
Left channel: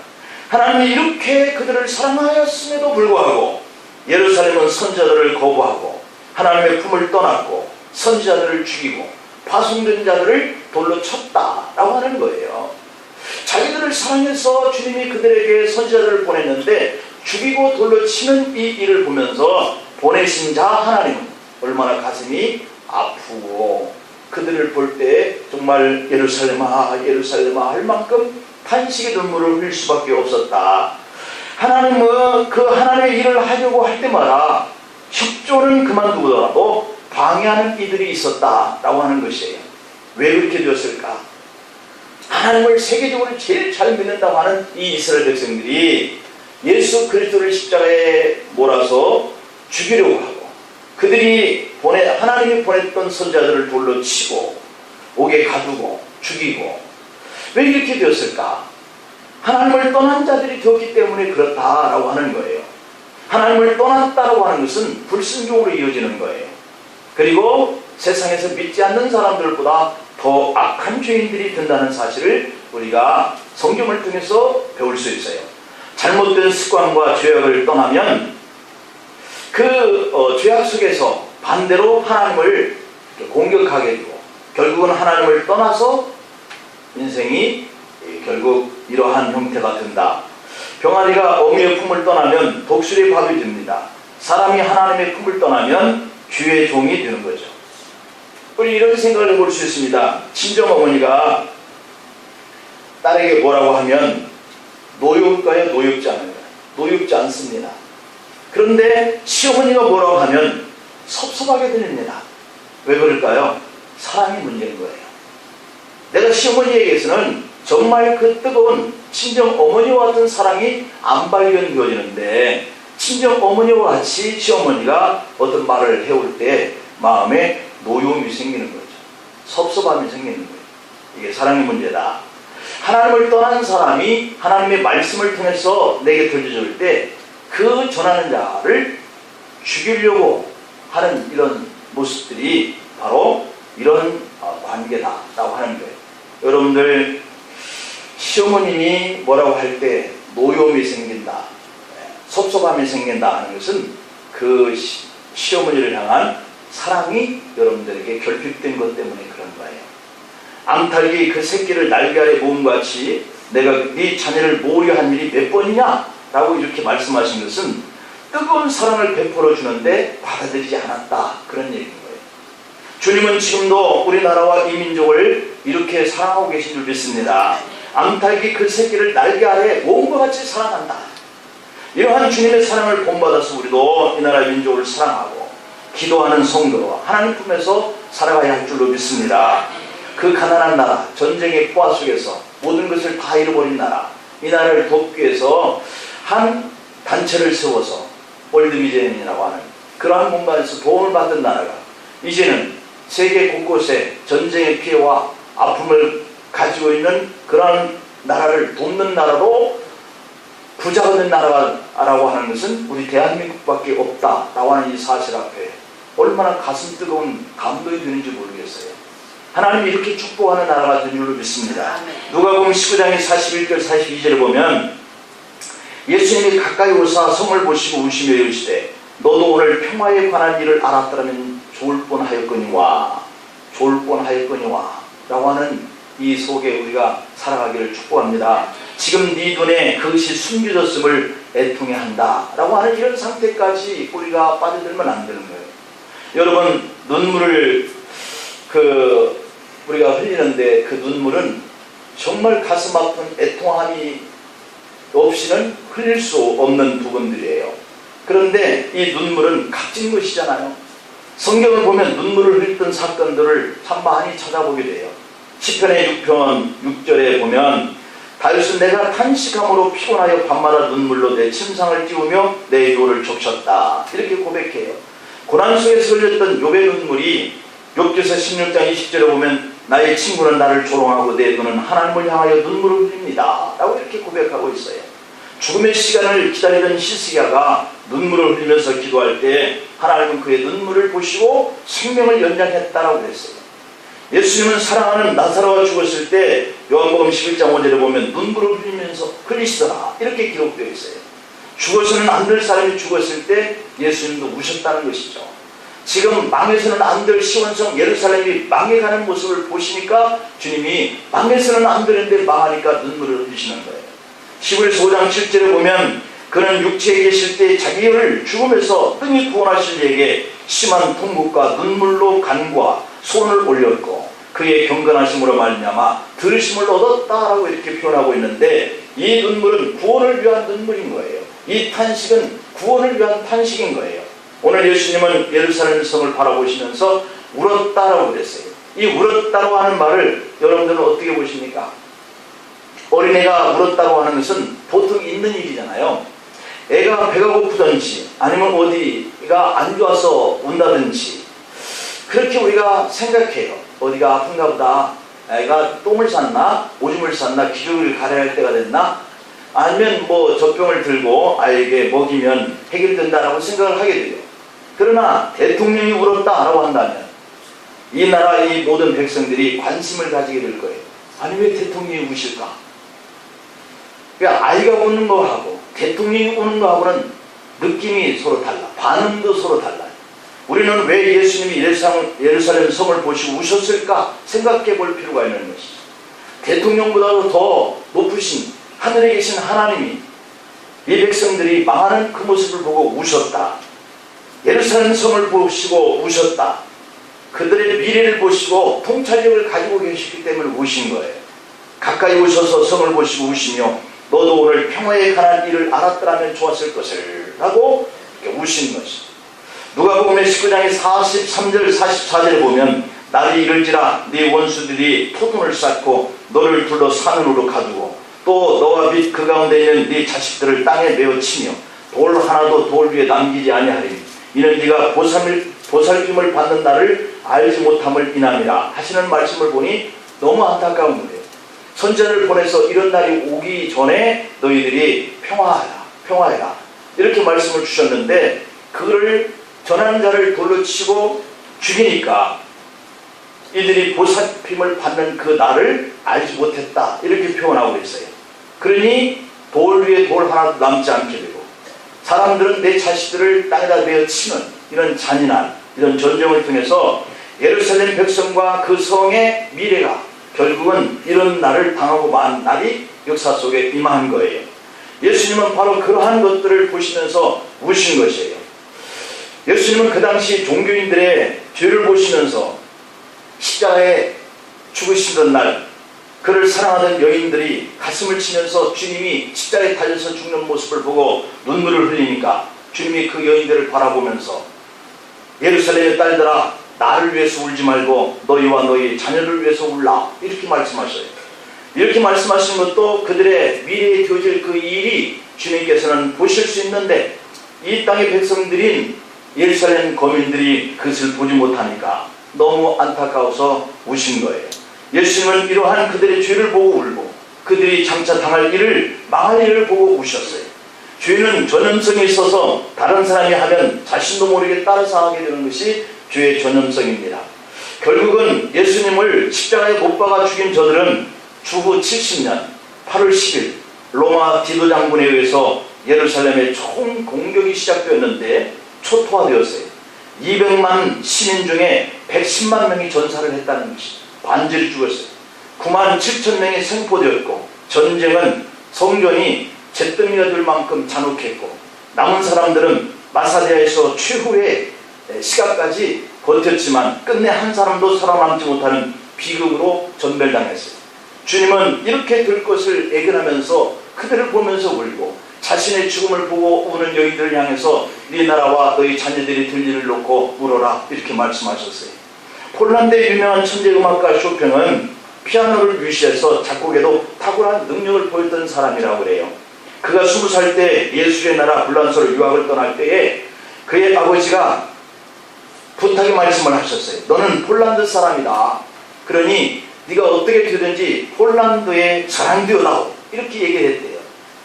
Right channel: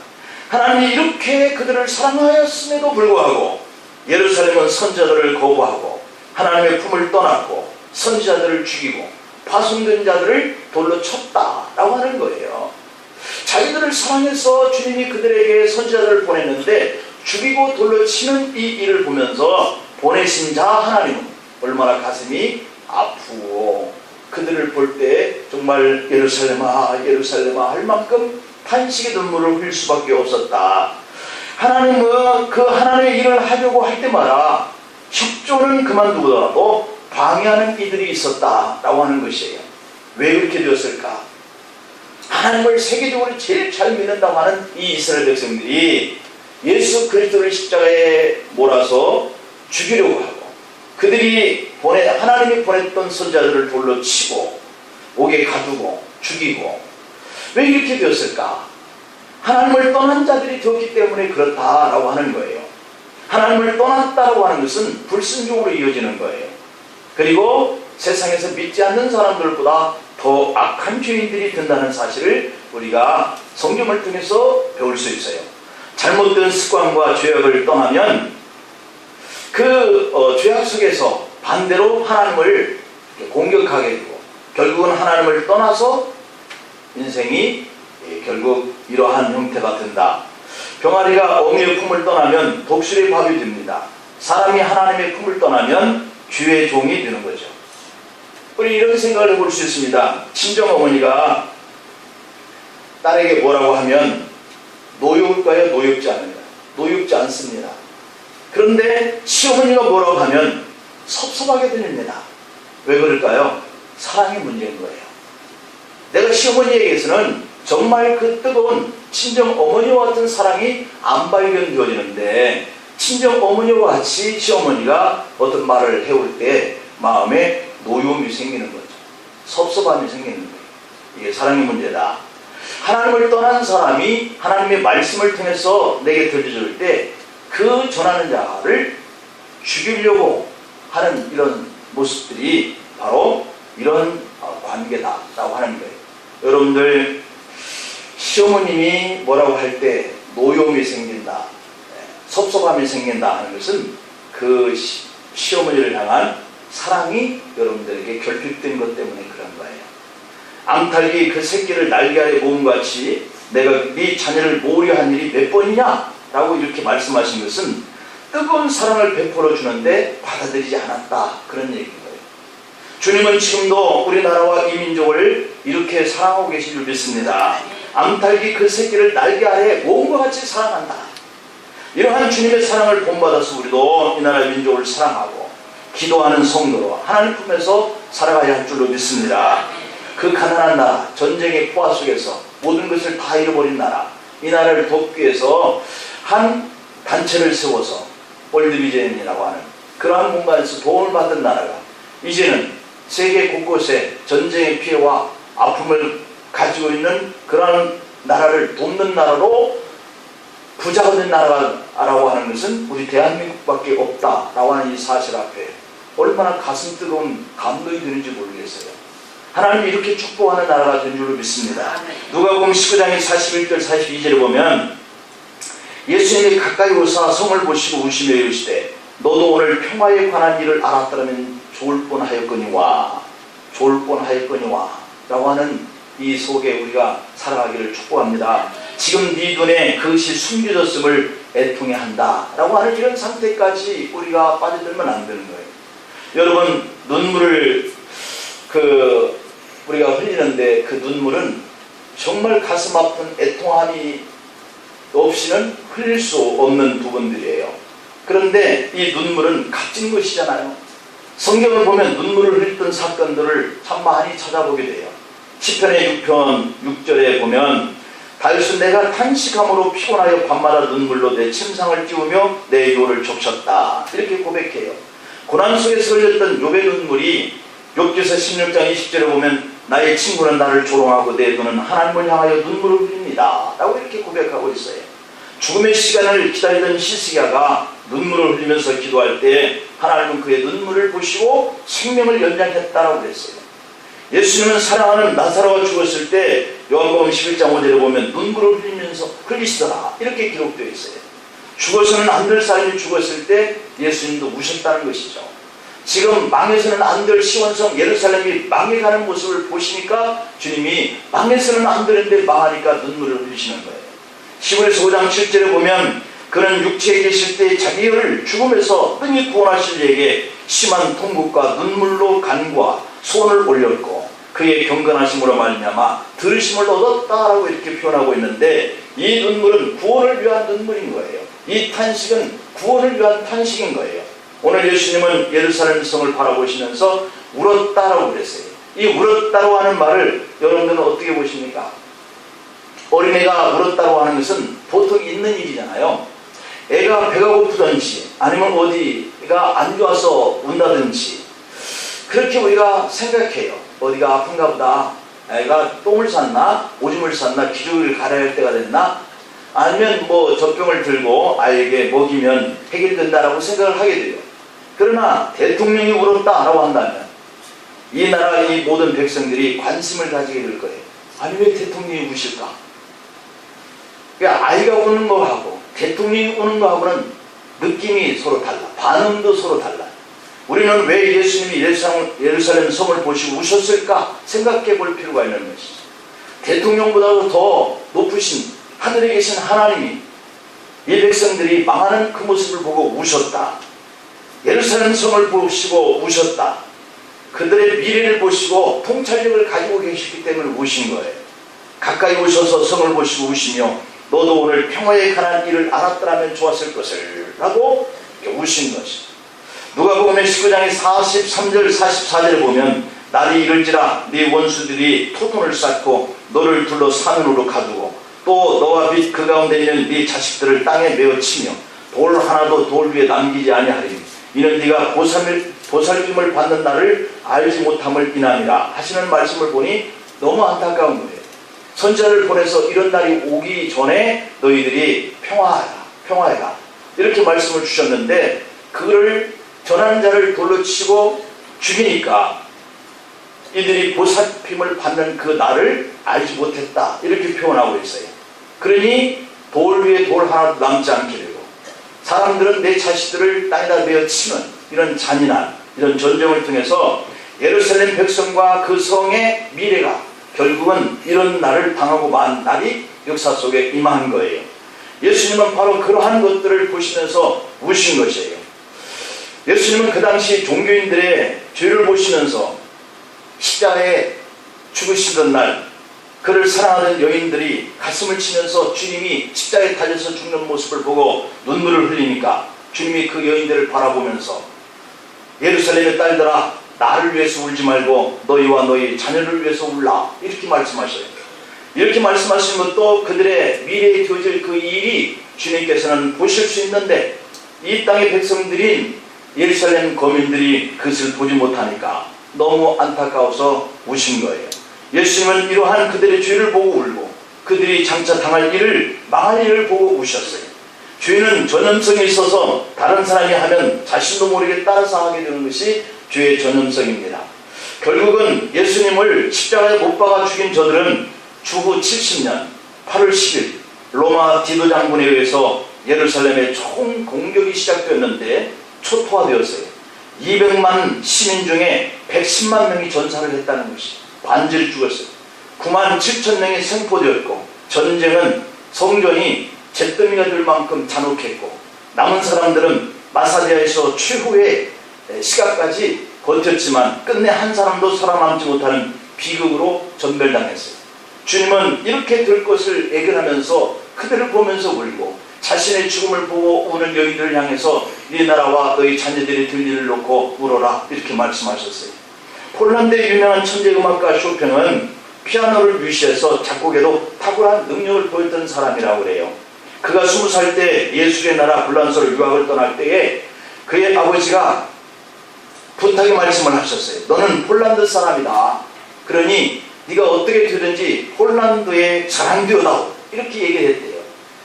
하나님이 이렇게 그들을 사랑하였음에도 불구하고 예루살렘은 선지자들을 거부하고 하나님의 품을 떠났고 선지자들을 죽이고 파송된 자들을 돌로 쳤다라고 하는 거예요. 자기들을 사랑해서 주님이 그들에게 선지자들을 보냈는데 죽이고 돌로 치는 이 일을 보면서 보내신 자 하나님은 얼마나 가슴이 아프고 그들을 볼 때 정말 예루살렘아 예루살렘아 할 만큼 탄식의 눈물을 흘릴 수밖에 없었다. 하나님은 그 하나님의 일을 하려고 할 때마다 협조는 그만두더라도 방해하는 이들이 있었다라고 하는 것이에요. 왜 그렇게 되었을까? 하나님을 세계적으로 제일 잘 믿는다고 하는 이 이스라엘 백성들이 예수 그리스도를 십자가에 몰아서 죽이려고 하고 그들이 하나님이 보냈던 선자들을 돌로 치고 옥에 가두고 죽이고 왜 이렇게 되었을까? 하나님을 떠난 자들이 되었기 때문에 그렇다라고 하는 거예요. 하나님을 떠났다라고 하는 것은 불순종으로 이어지는 거예요. 그리고 세상에서 믿지 않는 사람들보다 더 악한 죄인들이 된다는 사실을 우리가 성경을 통해서 배울 수 있어요. 잘못된 습관과 죄악을 떠나면 그 죄악 속에서 반대로 하나님을 공격하게 되고 결국은 하나님을 떠나서 인생이 결국 이러한 형태가 된다. 병아리가 어미의 품을 떠나면 독수리의 밥이 됩니다. 사람이 하나님의 품을 떠나면 주의 종이 되는 거죠. 우리 이런 생각을 해볼 수 있습니다. 친정어머니가 딸에게 뭐라고 하면 노엽까요? 노엽지 않나요? 노엽지 않습니다. 그런데 시어머니가 뭐라고 하면 섭섭하게 들립니다. 왜 그럴까요? 사랑의 문제인 거예요. 내가 시어머니에게서는 정말 그 뜨거운 친정어머니와 같은 사랑이 안 발견되어지는데 친정어머니와 같이 시어머니가 어떤 말을 해올 때 마음에 노여움이 생기는 거죠. 섭섭함이 생기는 거예요. 이게 사랑의 문제다. 하나님을 떠난 사람이 하나님의 말씀을 통해서 내게 들려줄 때 그 전하는 자를 죽이려고 하는 이런 모습들이 바로 이런 관계다라고 하는 거예요. 여러분들 시어머님이 뭐라고 할 때 노여움이 생긴다, 섭섭함이 생긴다 하는 것은 그 시어머니를 향한 사랑이 여러분들에게 결핍된 것 때문에 그런 거예요. 암탉이 그 새끼를 날개 아래 모음같이 내가 네 자녀를 모으려 한 일이 몇 번이냐? 라고 이렇게 말씀하신 것은 뜨거운 사랑을 베풀어 주는데 받아들이지 않았다. 그런 얘기인 거예요. 주님은 지금도 우리나라와 이 민족을 이렇게 사랑하고 계신 줄 믿습니다. 암탉이 그 새끼를 날개 아래 모음과 같이 사랑한다. 이러한 주님의 사랑을 본받아서 우리도 이 나라의 민족을 사랑하고 기도하는 성도로 하나님 품에서 살아가야 할 줄로 믿습니다. 그 가난한 나라, 전쟁의 포화 속에서 모든 것을 다 잃어버린 나라, 이 나라를 돕기 위해서 한 단체를 세워서 월드비전이라고 하는 그러한 공간에서 도움을 받던 나라가 이제는 세계 곳곳에 전쟁의 피해와 아픔을 가지고 있는 그러한 나라를 돕는 나라로 부자가 된 나라라고 하는 것은 우리 대한민국밖에 없다라고 하는 이 사실 앞에 얼마나 가슴 뜨거운 감동이 드는지 모르겠어요. 하나님이 이렇게 축복하는 나라가 된 줄로 믿습니다. 누가복음 19장의 41절 42절을 보면 예수님이 가까이 오사 성을 보시고 우시며 이르시되 너도 오늘 평화에 관한 일을 알았더라면 좋을 뻔하였거니와 라고 하는 이 속에 우리가 살아가기를 축복합니다. 지금 네 눈에 그것이 숨겨졌음을 애통해 한다 라고 하는 이런 상태까지 우리가 빠져들면 안 되는 거예요. 여러분, 눈물을 우리가 흘리는데 그 눈물은 정말 가슴 아픈 애통함이 없이는 흘릴 수 없는 부분들이에요. 그런데 이 눈물은 값진 것이잖아요. 성경을 보면 눈물을 흘렸던 사건들을 참 많이 찾아보게 돼요. 시편의 6편 6절에 보면 다윗은 내가 탄식함으로 피곤하여 밤마다 눈물로 내 침상을 찌우며 내 요를 적셨다 이렇게 고백해요. 고난 속에서 흘렸던 욥의 눈물이 욥기서 16장 20절에 보면 나의 친구는 나를 조롱하고 내 눈은 하나님을 향하여 눈물을 흘립니다 라고 이렇게 고백하고 있어요. 죽음의 시간을 기다리던 히스기야가 눈물을 흘리면서 기도할 때 하나님은 그의 눈물을 보시고 생명을 연장했다라고 그랬어요. 예수님은 사랑하는 나사로가 죽었을 때 요한복음 11장 5절에 보면 눈물을 흘리면서 흘리시더라 이렇게 기록되어 있어요. 죽어서는 안 될 사람이 죽었을 때 예수님도 우셨다는 것이죠. 지금 망해서는 안 될 시온성 예루살렘이 망해가는 모습을 보시니까 주님이 망해서는 안 되는데 망하니까 눈물을 흘리시는 거예요. 시므리서 5장 7절에 보면 그는 육체에 계실 때 자기를 죽음에서 능히 구원하실 이에게 심한 통곡과 눈물로 간구와 손을 올렸고 그의 경건하심으로 말미암아 들으심을 얻었다라고 이렇게 표현하고 있는데 이 눈물은 구원을 위한 눈물인 거예요. 이 탄식은 구원을 위한 탄식인 거예요. 오늘 예수님은 예루살렘 성을 바라보시면서 울었다라고 그랬어요. 이 울었다라고 하는 말을 여러분들은 어떻게 보십니까? 어린애가 울었다고 하는 것은 보통 있는 일이잖아요. 애가 배가 고프든지 아니면 어디가 안 좋아서 운다든지 그렇게 우리가 생각해요. 어디가 아픈가 보다. 애가 똥을 쌌나 오줌을 쌌나 기저귀를 갈아야 할 때가 됐나 아니면 뭐 젖병을 들고 아이에게 먹이면 해결된다라고 생각을 하게 돼요. 그러나 대통령이 울었다라고 한다면 이 나라 이 모든 백성들이 관심을 가지게 될 거예요. 아니 왜 대통령이 우실까? 그러니까 아이가 우는 거하고 대통령이 우는 거하고는 느낌이 서로 달라. 반응도 서로 달라요. 우리는 왜 예수님이 예루살렘 성을 보시고 우셨을까 생각해 볼 필요가 있는 것이죠. 대통령보다도 더 높으신 하늘에 계신 하나님이 이 백성들이 망하는 그 모습을 보고 우셨다. 예루살렘 성을 보시고 우셨다. 그들의 미래를 보시고 통찰력을 가지고 계시기 때문에 우신 거예요. 가까이 오셔서 성을 보시고 우시며 너도 오늘 평화에 관한 일을 알았더라면 좋았을 것을 라고 우신 것이죠. 누가복음 19장의 43절 44절에 보면 날이 이를지라 네 원수들이 토통을 쌓고 너를 둘러 산으로 가두고 또 너와 및 그 가운데 있는 네 자식들을 땅에 메어 치며 돌 하나도 돌 위에 남기지 아니하리니 이는 네가 보살핌을 받는 날을 알지 못함을 인함이라 하시는 말씀을 보니 너무 안타까운 거예요. 선지자를 보내서 이런 날이 오기 전에 너희들이 평화해라 이렇게 말씀을 주셨는데 그걸 전하는 자를 돌로 치고 죽이니까 이들이 보살핌을 받는 그 날을 알지 못했다 이렇게 표현하고 있어요. 그러니 돌 위에 돌 하나도 남지 않게 되고 사람들은 내 자식들을 땅에다 내어 치는 이런 잔인한 이런 전쟁을 통해서 예루살렘 백성과 그 성의 미래가 결국은 이런 날을 당하고 만 날이 역사 속에 임한 거예요. 예수님은 바로 그러한 것들을 보시면서 우신 것이에요. 예수님은 그 당시 종교인들의 죄를 보시면서 십자가에 죽으시던 날 그를 사랑하는 여인들이 가슴을 치면서 주님이 십자가에 달려서 죽는 모습을 보고 눈물을 흘리니까 주님이 그 여인들을 바라보면서 예루살렘의 딸들아 나를 위해서 울지 말고 너희와 너희 자녀를 위해서 울라 이렇게 말씀하셔요. 이렇게 말씀하신 것도 그들의 미래에 되어질 그 일이 주님께서는 보실 수 있는데 이 땅의 백성들인 예루살렘 거민들이 그것을 보지 못하니까 너무 안타까워서 우신 거예요. 예수님은 이러한 그들의 죄를 보고 울고 그들이 장차 당할 일을, 망할 일을 보고 우셨어요. 죄는 전염성이 있어서 다른 사람이 하면 자신도 모르게 따라서 하게 되는 것이 죄의 전염성입니다. 결국은 예수님을 십자가에 못 박아 죽인 저들은 주후 70년 8월 10일 로마 디도 장군에 의해서 예루살렘의 총 공격이 시작되었는데 초토화되었어요. 200만 시민 중에 110만 명이 전사를 했다는 것이 반절이 죽었어요. 9만 7천 명이 생포되었고 전쟁은 성전이 잿더미가 될 만큼 잔혹했고 남은 사람들은 마사디아에서 최후의 시간까지 버텼지만 끝내 한 사람도 살아남지 못하는 비극으로 전멸당했어요. 주님은 이렇게 될 것을 예견하면서 그들을 보면서 울고 자신의 죽음을 보고 우는 여인들을 향해서 네 나라와 너희 자녀들이 될 일을 놓고 울어라 이렇게 말씀하셨어요. 폴란드의 유명한 천재음악가 쇼팽은 피아노를 뮤시해서 작곡에도 탁월한 능력을 보였던 사람이라고 그래요. 그가 20살 때 예술의 나라 불란서로 유학을 떠날 때에 그의 아버지가 부탁의 말씀을 하셨어요. 너는 폴란드 사람이다. 그러니 네가 어떻게 되든지 폴란드에 자랑되어다오. 이렇게 얘기를 했대요.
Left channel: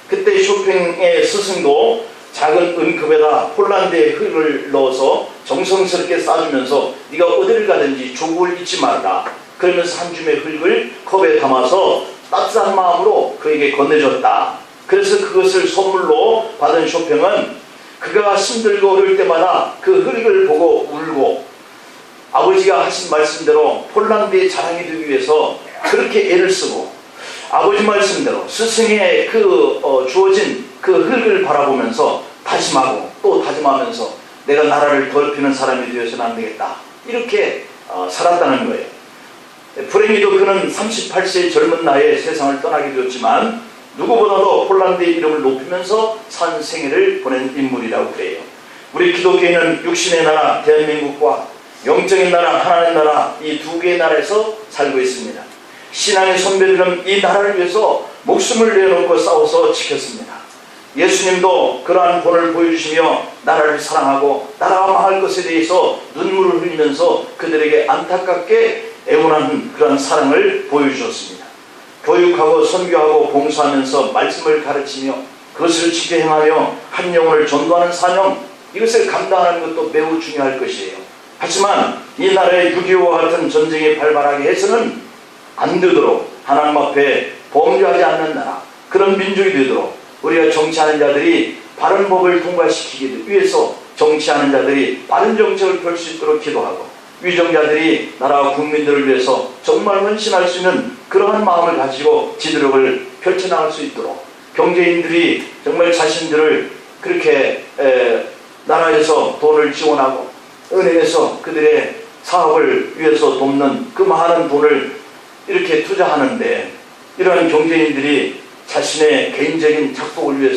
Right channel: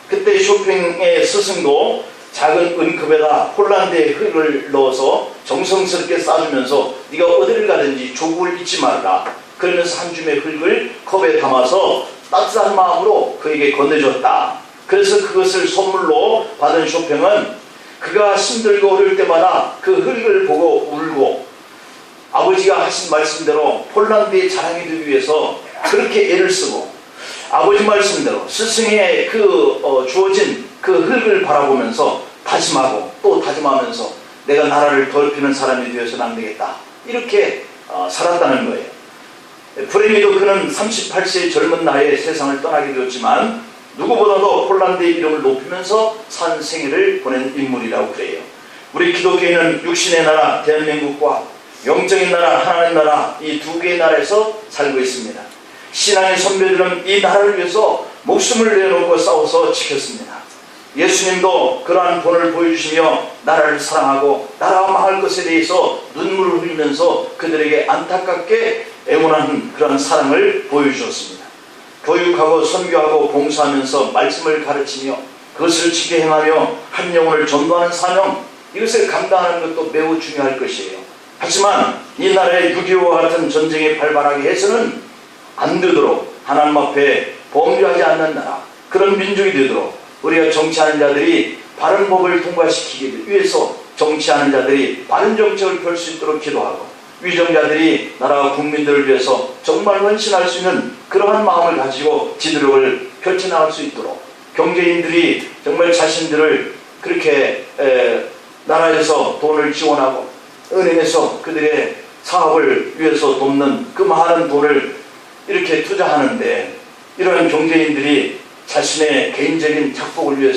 그때 쇼팽의 스승도 작은 은컵에다 폴란드의 흙을 넣어서 정성스럽게 싸주면서 네가 어디를 가든지 조국을 잊지 말라. 그러면서 한 줌의 흙을 컵에 담아서 따뜻한 마음으로 그에게 건네줬다. 그래서 그것을 선물로 받은 쇼팽은 그가 힘들고 어려울 때마다 그 흙을 보고 울고 아버지가 하신 말씀대로 폴란드의 자랑이 되기 위해서 그렇게 애를 쓰고 아버지 말씀대로 스승의 주어진 그 흙을 바라보면서 다짐하고 또 다짐하면서 내가 나라를 더럽히는 사람이 되어서는 안 되겠다. 이렇게 살았다는 거예요. 불행히도 그는 38세의 젊은 나이에 세상을 떠나게 되었지만 누구보다도 폴란드의 이름을 높이면서 산 생애를 보낸 인물이라고 그래요. 우리 기독교인은 육신의 나라 대한민국과 영적인 나라 하나님 나라 이 두 개의 나라에서 살고 있습니다. 신앙의 선배들은 이 나라를 위해서 목숨을 내놓고 싸워서 지켰습니다. 예수님도 그러한 본을 보여주시며 나라를 사랑하고 나라가 망할 것에 대해서 눈물을 흘리면서 그들에게 안타깝게 애원하는 그런 사랑을 보여주셨습니다. 교육하고 선교하고 봉사하면서 말씀을 가르치며 그것을 지켜 행하며 한 영혼을 전도하는 사명, 이것을 감당하는 것도 매우 중요할 것이에요. 하지만 이 나라의 6.25와 같은 전쟁이 발발하게 해서는 안 되도록 하나님 앞에 범죄하지 않는 나라, 그런 민족이 되도록 우리가 정치하는 자들이 바른 법을 통과시키기 위해서 정치하는 자들이 바른 정책을 펼 수 있도록 기도하고 위정자들이 나라와 국민들을 위해서 정말 헌신할 수 있는 그러한 마음을 가지고 지도력을 펼쳐나갈 수 있도록 경제인들이 정말 자신들을 그렇게 나라에서 돈을 지원하고 은행에서 그들의 사업을 위해서 돕는 그 많은 돈을 이렇게 투자하는데 이러한 경제인들이 자신의 개인적인 착복을 위해서